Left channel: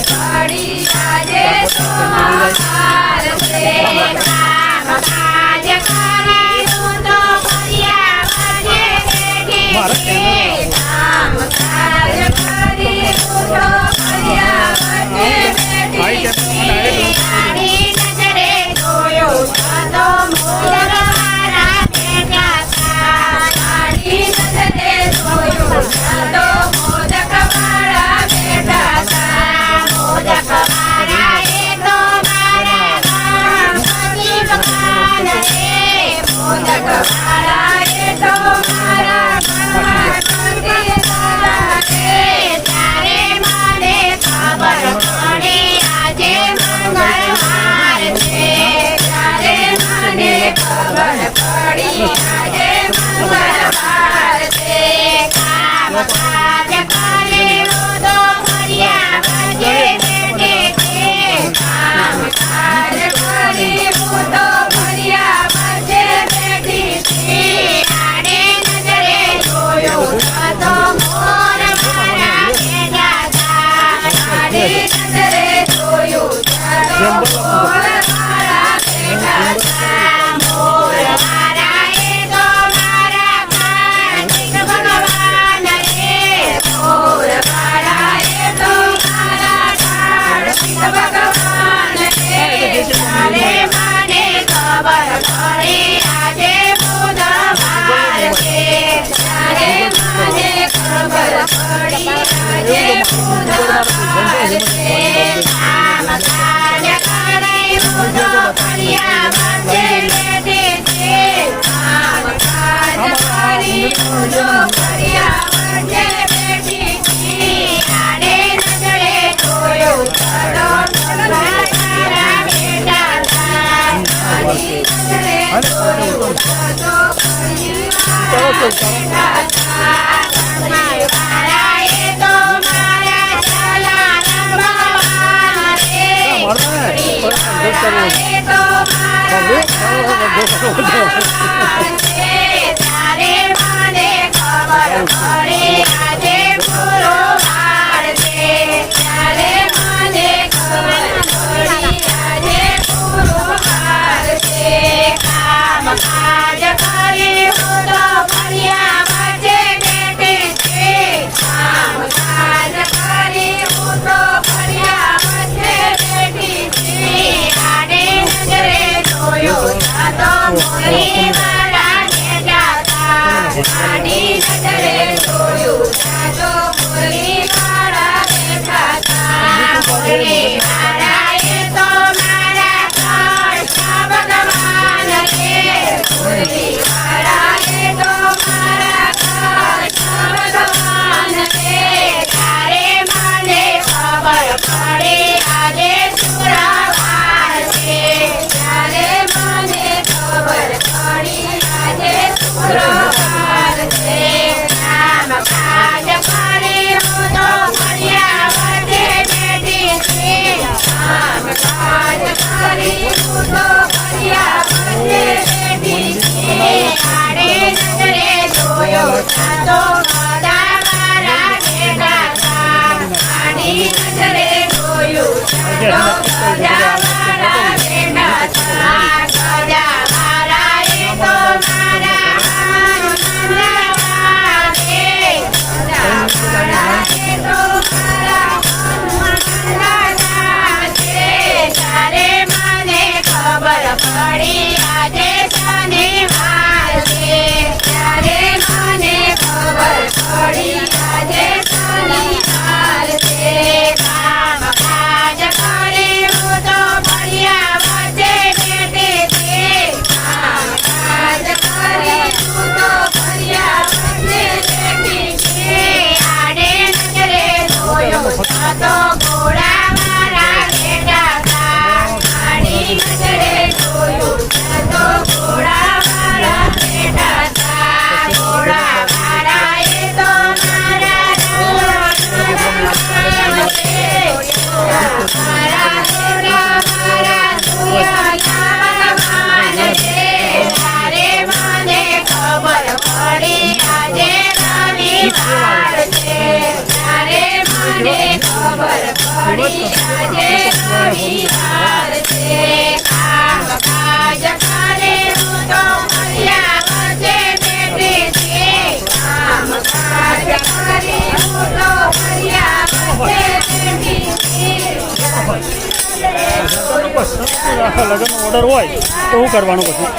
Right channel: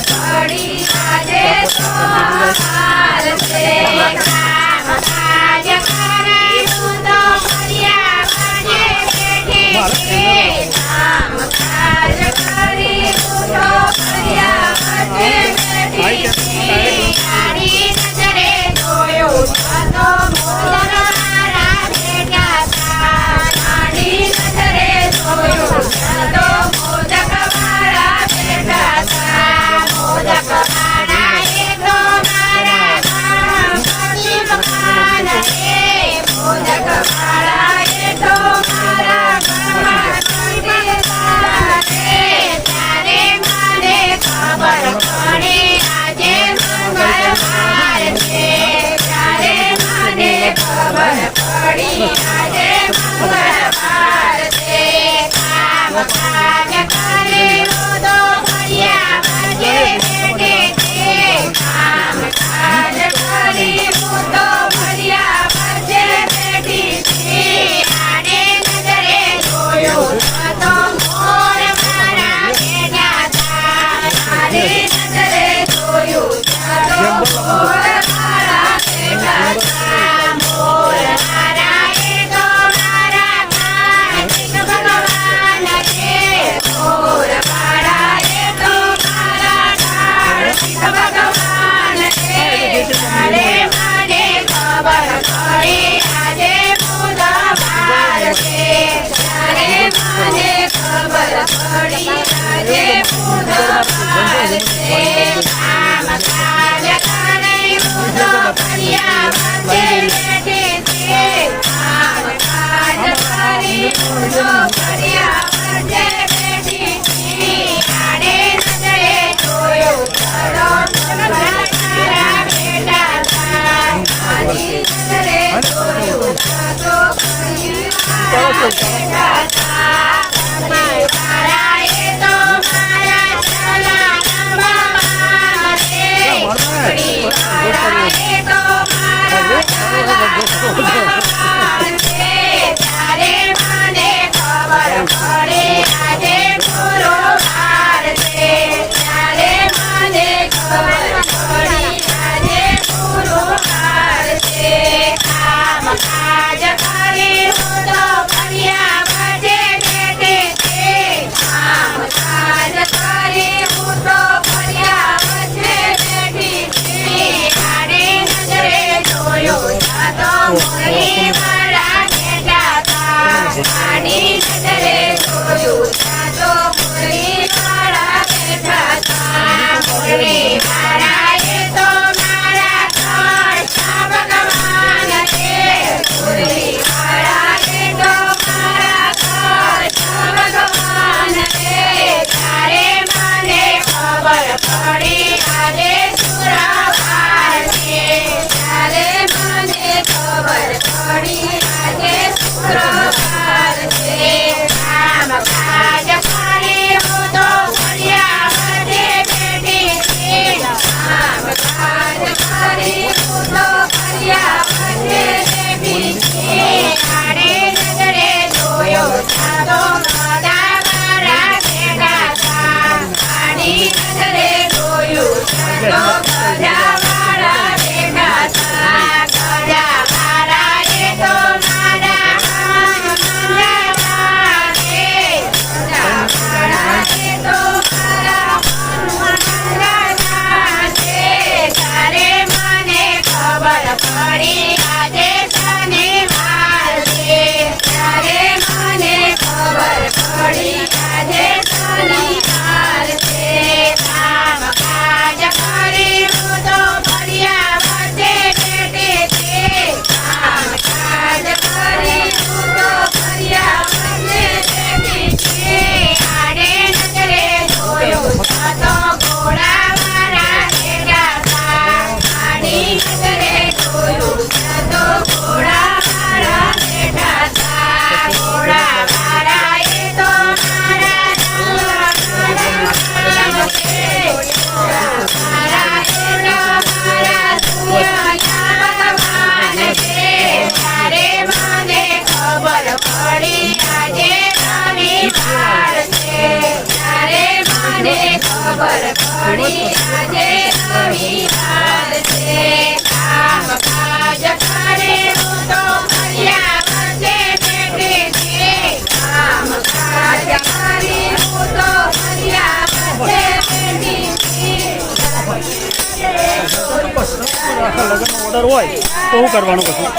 પડી આજે તો હાર છે કામ કાજ કરાયું તો ફર્યા વાગે બેઠી કામ કાજ કરી તો ફર્યા વાગે બેઠી તારી નજરે જોયું તો મોરવાળા બેઠા તારી નજરે જોયું તો મોદકવાળા બેઠા મોદકવાળા એ તો મારા ગણપતિ ભગવાન રે મોદકવાળા એ તો મારા ગણપતિ ભગવાન રે ત્યારે મને ખબર પડી આજે મંગળવાર છે ત્યારે મને ખબર પડી આજે મંગળવાર છે કામ કાજ કરી તો ફર્યા વાગે બેઠે કામ કાજ કરી તો ફર્યા વાગે બેઠી આને નજરે જોયું તો મોર મારા બેઠા તારે નજરે જોયું તો મોર મારા બેઠા મોર મારા એ તો મારા કાર્તિક ભગવાન રે મોર મારા એ તો મારા કાર્તિક ભગવાન રે ત્યારે મને ખબર પડી આજે બુધવાર છે ત્યારે મને ખબર પડી આજે બુધવાર છે કામ કાજ કરી તો ફર્યા વાગે બેઠી કામ કાજ કરી તો ફર્યા વાગે બેઠી આને નજરે જોયું તો મોરવાળા બેઠા તારી નજરે જોયું તો ફર્યા બેઠા પરિવારા એ તો મારા ચલા રમવા રે પરિવારા એ તો મારા ચલા રમવા રે ત્યારે મને ખબર પડી આજે ગુરુવાર છે ત્યારે મને ખબર પડી આજે ગુરુવાર છે કામ કાજ કરી તો ફર્યા વાગે બેઠી કામ કાજ કરી તો ફર્યા વાગે બેઠી આને નજરે જોયું તો મોરી વાળા બેઠા આની નજરે જોયું તો મોરી વાળા બેઠા મોરી વાળા એ તો મારા કૃષ્ણ ભગવાન રે મોરી વાળા એ તો મારા કૃષ્ણ ભગવાન રે ત્યારે મને ખબર પડી આજે શુક્રવાર છે ત્યારે મને ખબર પડી આજે શુક્રવાર છે કામ કાજ કરી તો ફર્યા વાગે બેઠી કામ કાજ કરી તો ફર્યા વાગે બેઠી આને નજરે જોયો તો ગદા મારા બેઠા આની નજરે જોયું તો ગદા મારા બેઠા ગદા મારા એ તો મારા હનુમાન રે ગદા મારા એ તો મારા હનુમાન રે ત્યારે મને ખબર પડી આજે શનિવાર છે ત્યારે મને ખબર પડી આજે શનિવાર છે કામ કાજ કરી તો ફર્યા વાગે બેઠી કામ કાજ કરી તો ફર્યા વાગે બેઠી આને નજરે જોયું તો ઘોડા મારા બેઠા આની નજરે જોયું તો ઘોડા મારા બેઠા ઘોડા મારા એ તો મારા પડી આજે રવિવાર છે ત્યારે મને ખબર પડી આજે રવિવાર છે કામ કાજ કરે હું તો ફળિયા વચ્ચે બેઠી છે કામ કાજ કરી હું તો ફળિયા વચ્ચે બેઠી છે આખા લગ્નનો ઓર્ડર હોય તો શું કરવાનું પછી?